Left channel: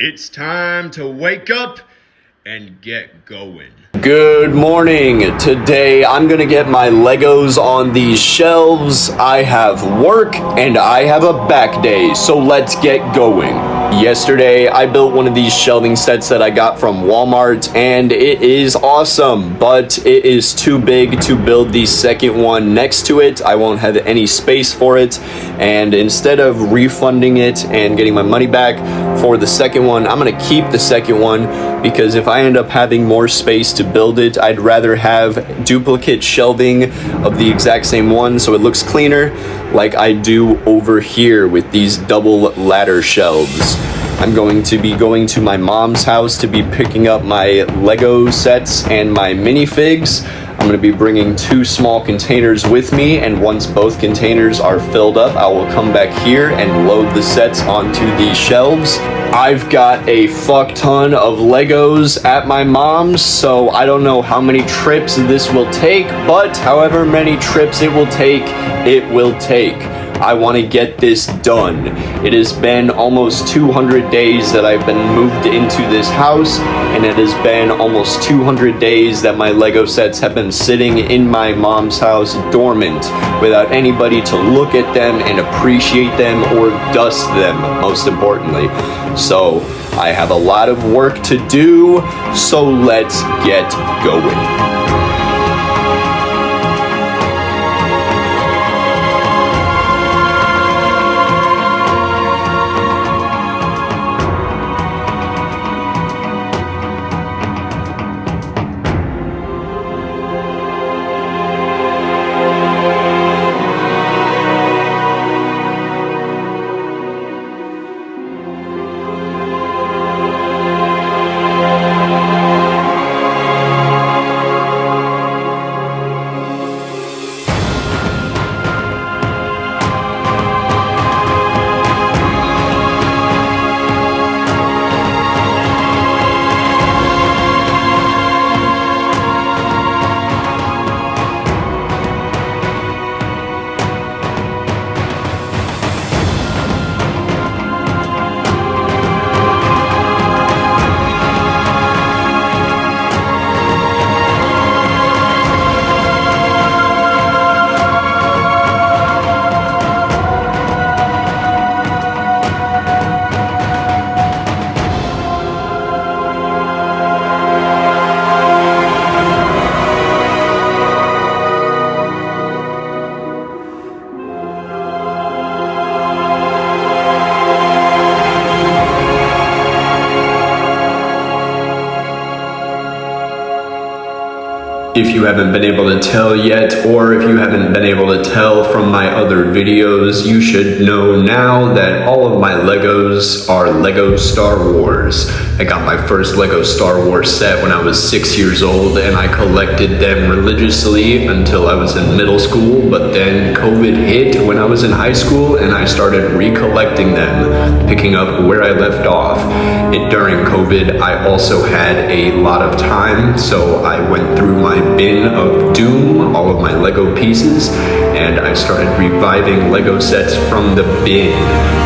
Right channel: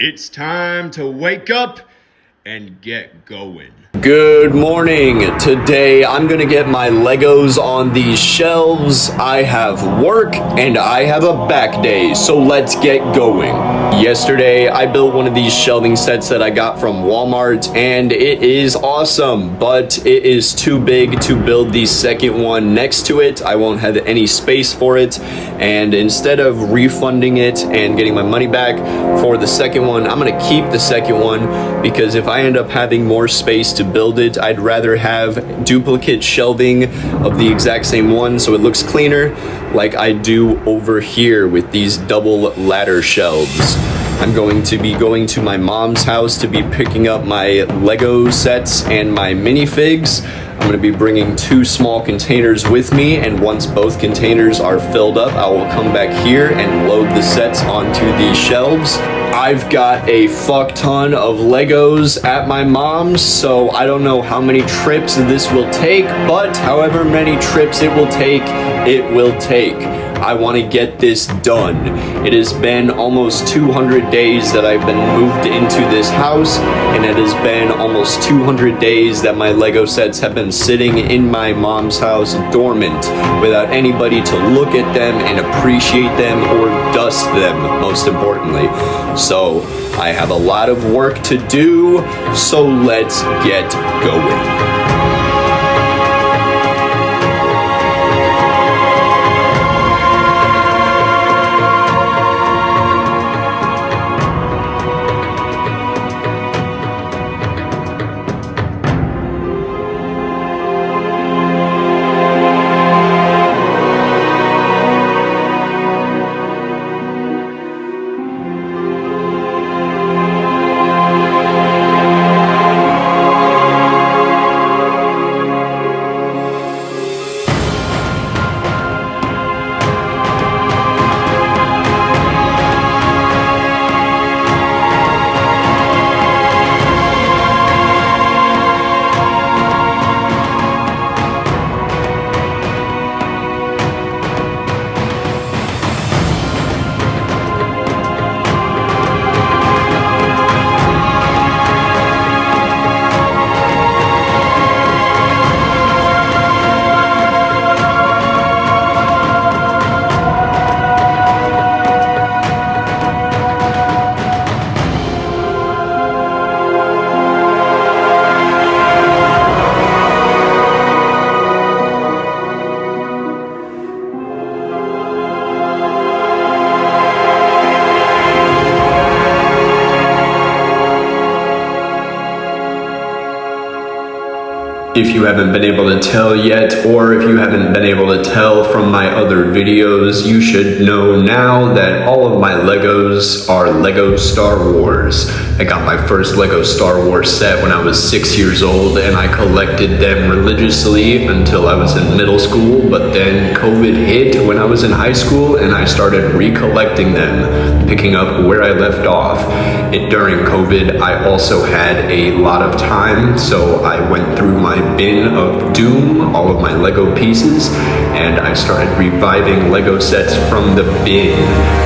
It's time to wake up and get going. Good morning. Today I'm gonna get my Legos on these shelves. I have work and I have a back day, so let's get going. Yesterday I built one of these shelving sets that I got from Walmart and it is awesome, but it is too big to build the second one next to it. I won't have any space for it, and instead of refunding it and getting my money back for the second one, I'm gonna keep the second one because if I end up having more space to build it, I'd rather have duplicate shelving of the exact same one so it looks cleaner, like I do over here with these double ladder shelves. I'm going to be going to my mom's house to be picking up my Lego sets and my minifigs. I'm going to be bringing 2 small containers with me, and once both containers are filled up, I will come back here and load the sets onto these shelves. I've got a fuck ton of Legos at my mom's, so I don't know how many trips this will take, but however many trips it will take, it will take. I want to get this done. It has been almost 200 days that I've been moved into this house, and it has been almost 200 days that my Lego sets have been sitting in my mom's house dormant without anybody to look at them and appreciate them or dust them, most importantly. So I have a lot of work to do, so let's get going. If you haven't been able to tell yet, or if you haven't been able to tell from my other videos, you should know now that all of my Legos are Lego Star Wars. I got my first Lego Star Wars set when I was 6 years old, and I collected them religiously until I was in middle school, but then COVID hit when I was in high school, and I started recollecting them, picking up where I left off. During COVID, I also had a lot of time, so I went through my bin of Doom, all of my Lego pieces, and I started reviving Lego sets from the bin.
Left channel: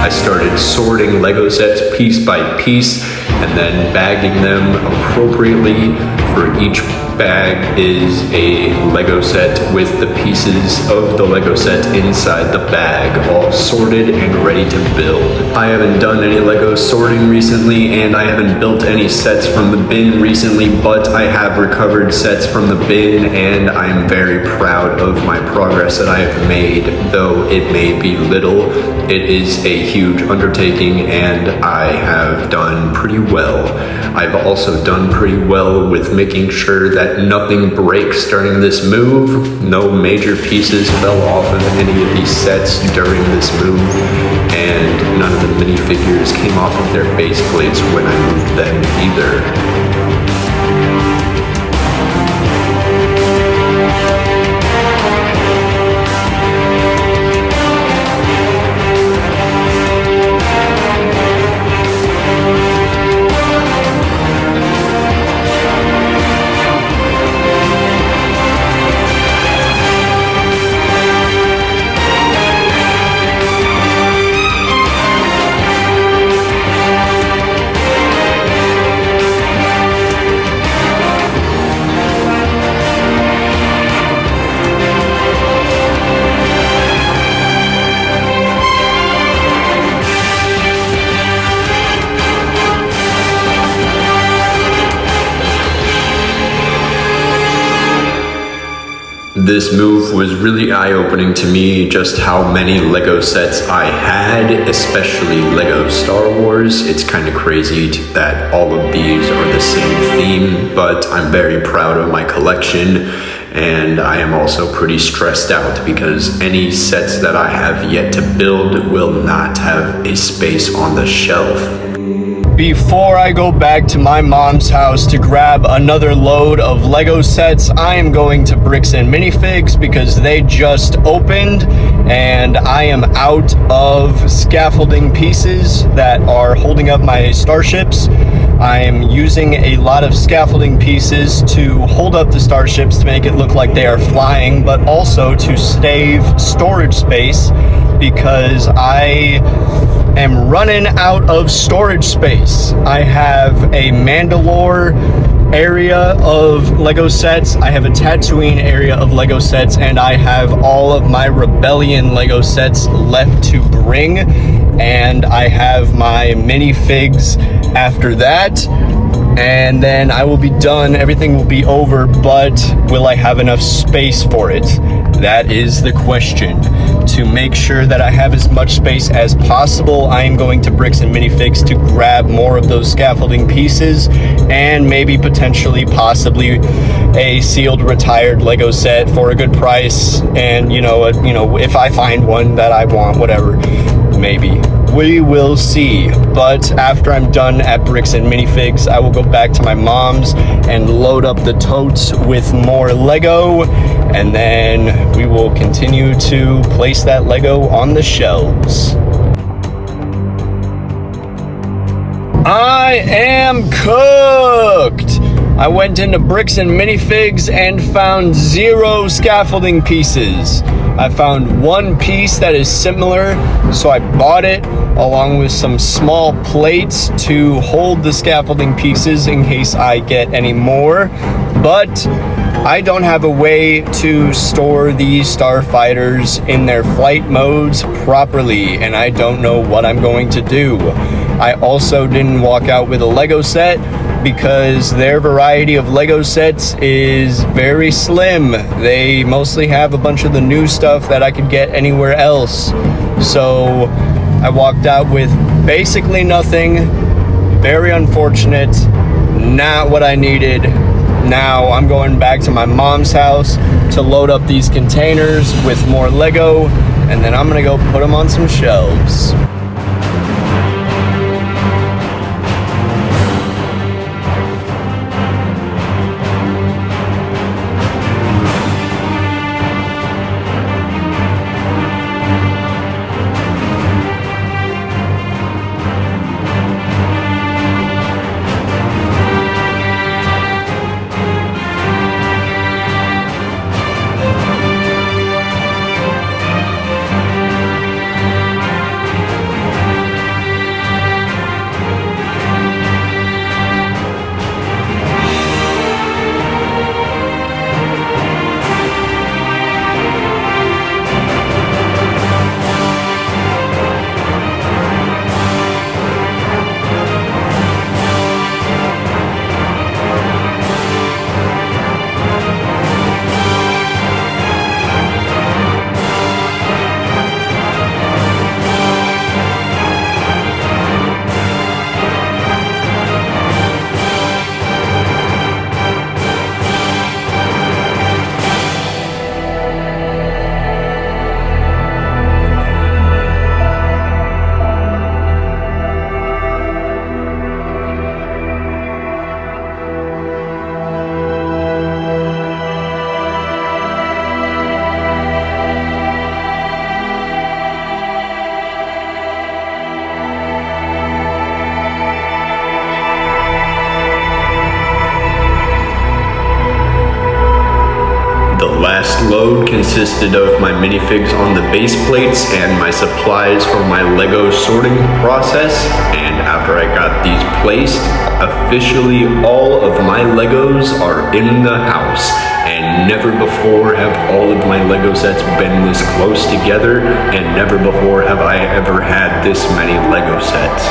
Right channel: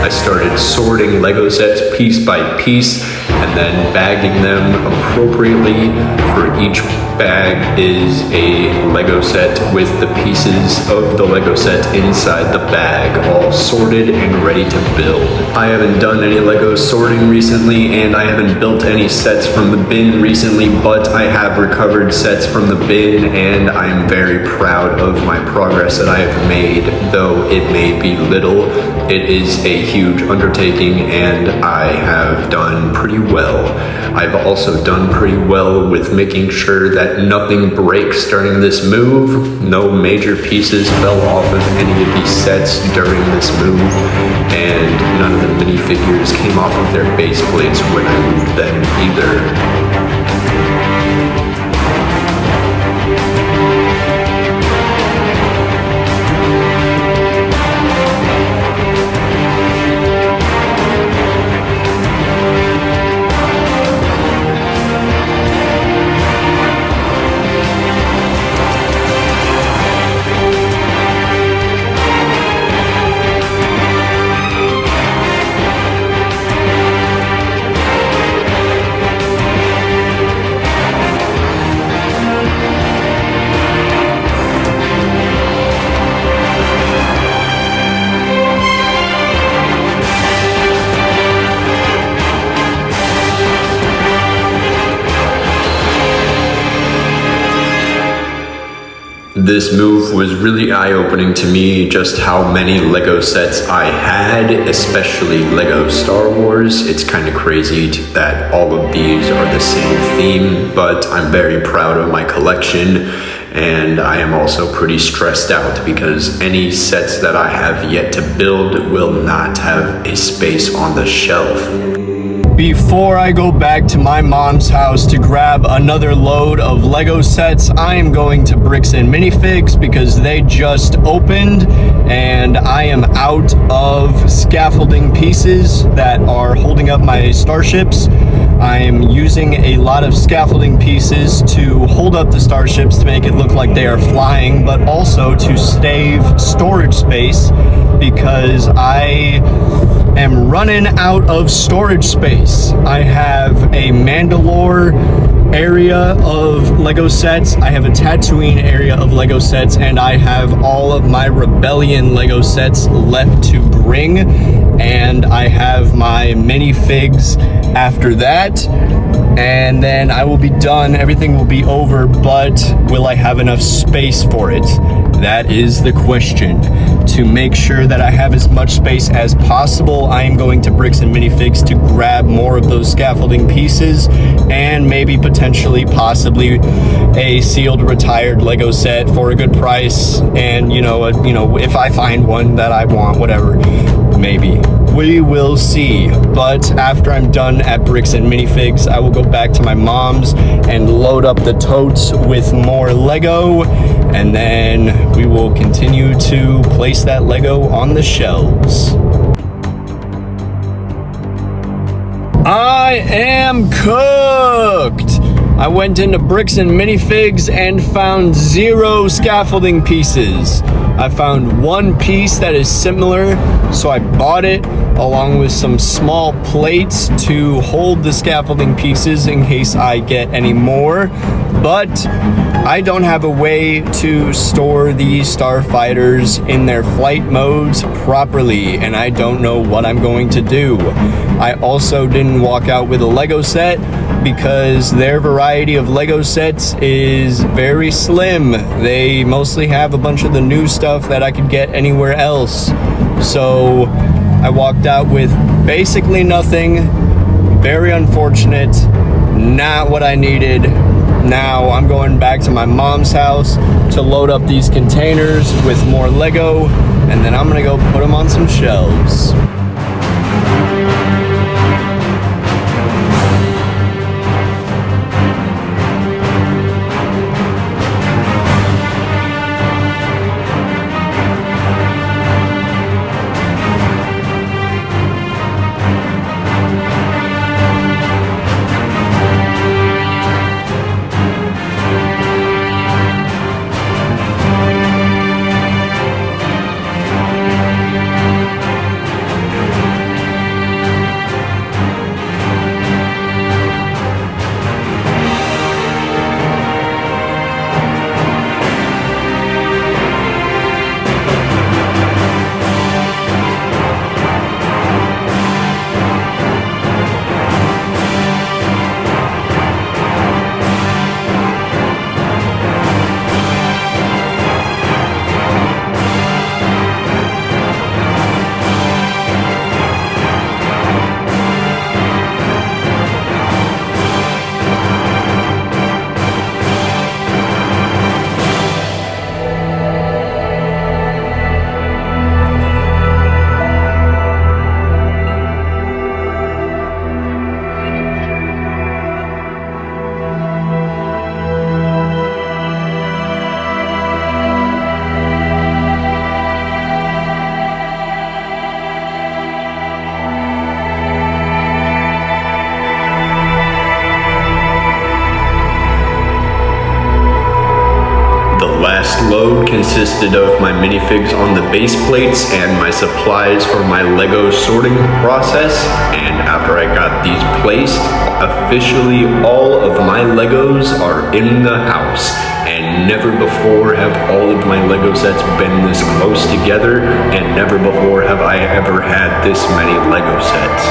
I started sorting Lego sets piece by piece and then bagging them appropriately. For each bag is a Lego set with the pieces of the Lego set inside the bag, all sorted and ready to build. I haven't done any Lego sorting recently, and I haven't built any sets from the bin recently, but I have recovered sets from the bin, and I'm very proud of my progress that I have made. Though it may be little, it is a huge undertaking, and I have done pretty well. I've also done pretty well with making sure that nothing breaks during this move. No major pieces fell off of any of these sets during this move, and none of the minifigures came off of their base plates when I moved them either. This move was really eye-opening to me, just how many Lego sets I had, especially Lego Star Wars. It's kind of crazy that all of these are the same theme, but I'm very proud of my collection, and I am also pretty stressed out because any sets that I have yet to build will not have a space on the shelf. Before I go back to my mom's house to grab another load of Lego sets, I am going to Bricks and Minifigs because they just opened and I am out of scaffolding pieces that are holding up my starships. I am using a lot of scaffolding pieces to hold up the starships to make it look like they are flying, but also to save storage space because I am running out of storage space. I have a Mandalore area of Lego sets, I have a Tatooine area of Lego sets, and I have all of my Rebellion Lego sets left to bring, and I have my minifigs after that, and then I will be done. Everything will be over, but will I have enough space for it? That is the question. To make sure that I have as much space as possible, I am going to Bricks and Minifigs to grab more of those scaffolding pieces and maybe potentially possibly a sealed retired Lego set for a good price, and if I find one that I want, whatever, maybe. We will see. But after I'm done at Bricks and Minifigs, I will go back to my mom's and load up the totes with more Lego, and then we will continue to place that Lego on the shelves. I am cooked! I went into Bricks and Minifigs and found 0 scaffolding pieces. I found one piece that is similar, so I bought it along with some small plates to hold the scaffolding pieces in case I get any more. But I don't have a way to store these starfighters in their flight modes properly, and I don't know what I'm going to do. I also didn't walk out with a Lego set because their variety of Lego sets is very slim. They mostly have a bunch of the new stuff that I could get anywhere else. So I walked out with basically nothing. Very unfortunate. Not what I needed. Now I'm going back to my mom's house to load up these containers with more Lego, and then I'm gonna go put them on some shelves. The last load consisted of my minifigs on the base plates and my supplies for my Lego sorting process, and after I got these placed, officially all of my Legos are in the house, and never before have all of my Lego sets been this close together, and never before have I ever had this many Lego sets.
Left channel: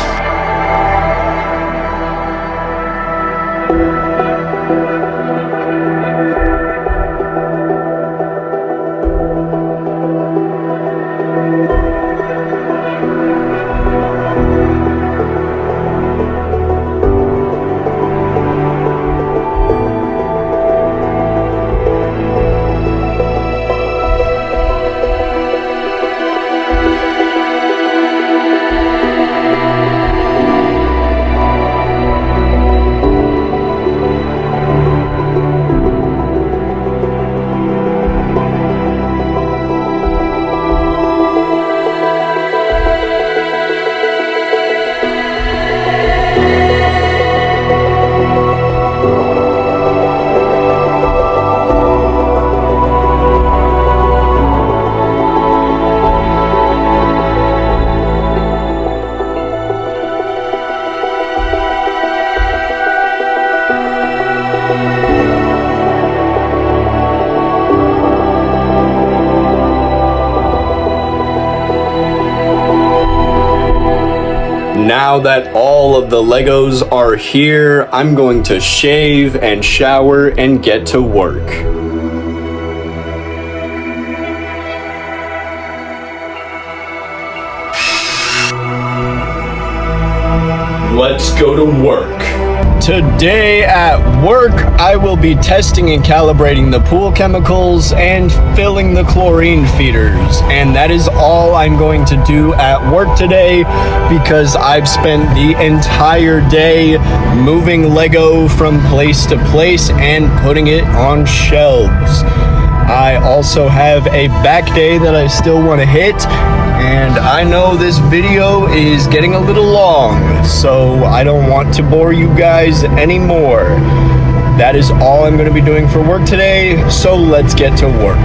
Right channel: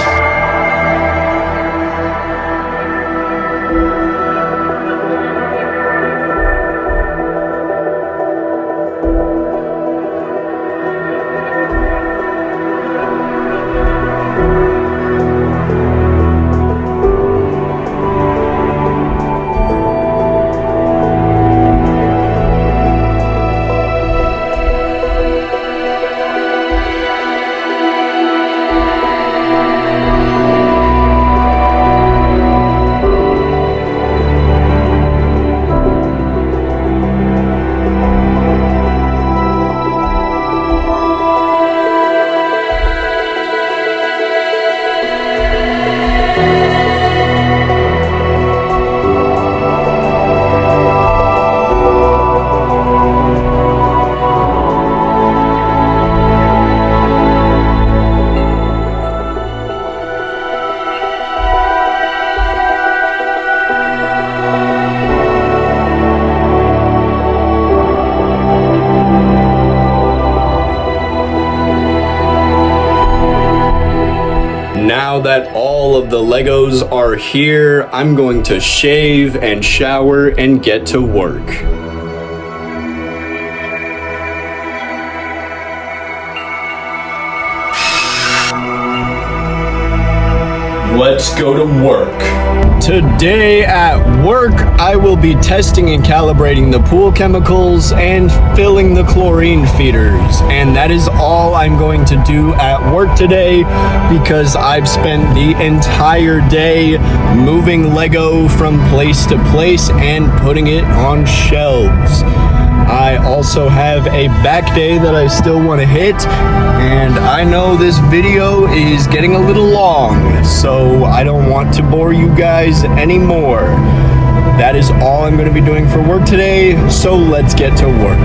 now that all of the Legos are here, I'm going to shave and shower and get to work. Let's go to work. Today at work, I will be testing and calibrating the pool chemicals and filling the chlorine feeders. And that is all I'm going to do at work today because I've spent the entire day moving Lego from place to place and putting it on shelves. I also have a back day that I still want to hit, and I know this video is getting a little long, so I don't want to bore you guys anymore. That is all I'm going to be doing for work today, so let's get to work.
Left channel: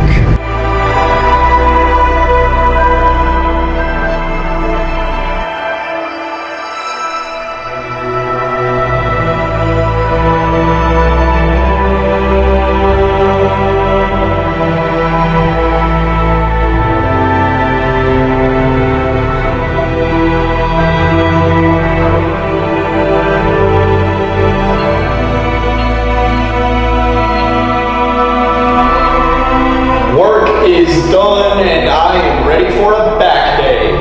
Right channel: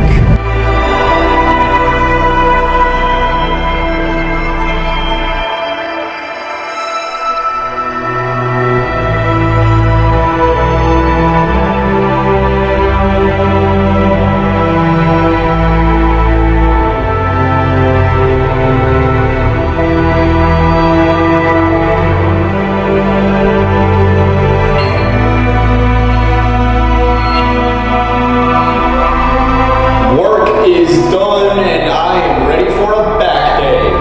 Work is done and I am ready for a back day.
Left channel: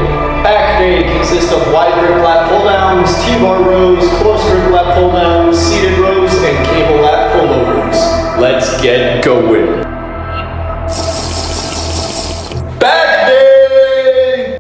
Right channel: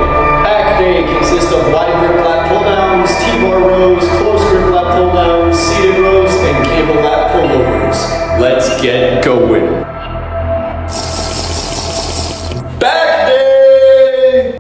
Back day consists of wide grip lat pull downs, T-bar rows, close grip lat pull downs, seated rows, and cable lat pullovers. Let's get going. Back day!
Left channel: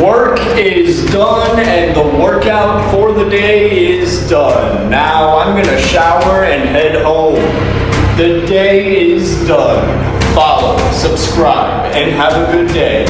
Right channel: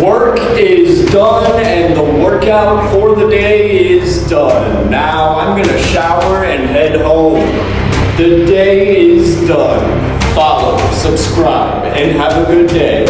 Work is done and the workout for the day is done. Now I'm gonna shower and head home. The day is done. Follow, subscribe, and have a good day.